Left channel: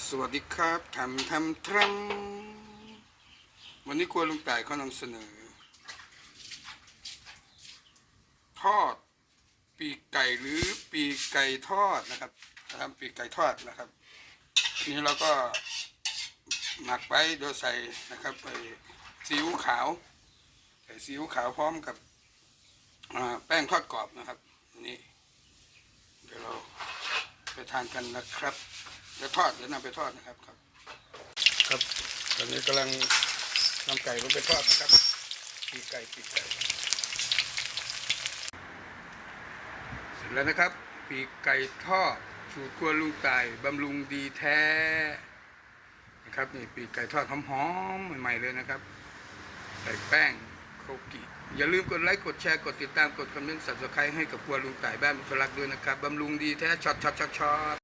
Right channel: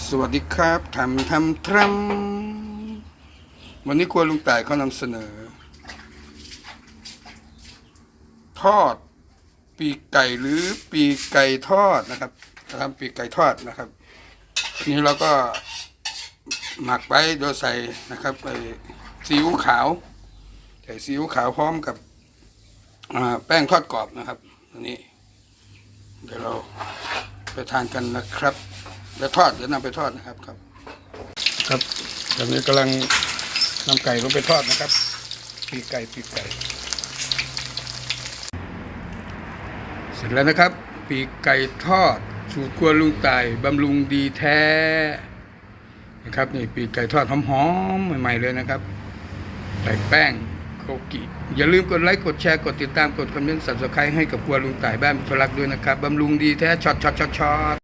สวัสดีครับทำทำทำวันนี้ครัวลุงต่ายเขานำเสนอ ทอด ปีไก่หรือปีไก่ทอดนะครับจะทำปีไก่ทอดนะครับ นี่เราก็หมักไว้โดยใส่นะครับไอ้ซีอิ๊วขาวใส่ซีอิ๊วขาวพร้อมกับแป้งทอดกรอบนะครับอันนี้ เดี๋ยวเราไปทานกันนะครับ แล้วทอดเดี๋ยวนำไปทอดนะครับครับ ครับตอนนี้กำลังนำไก่ลงไปทอดนะครับ ปีกไก่ปีกไก่ เสร็จแล้วนะครับ ปีกไก่ทอด สูตรครัวลุงตายบำรุงดีแท้นะครับนี่ปีกไก่ทอดหอมๆใหม่ ๆ เลยนะครับใส่แป้งโคกิอย่าลืมกดไลค์กดแชร์กดติดตามกดคอมเมนต์สับสไครต์ให้กับครัวลุงต่ายบ้านมิตรรักด้วยนะครับบำรุงดีแท้ช็อตช็อตช็อตช็อต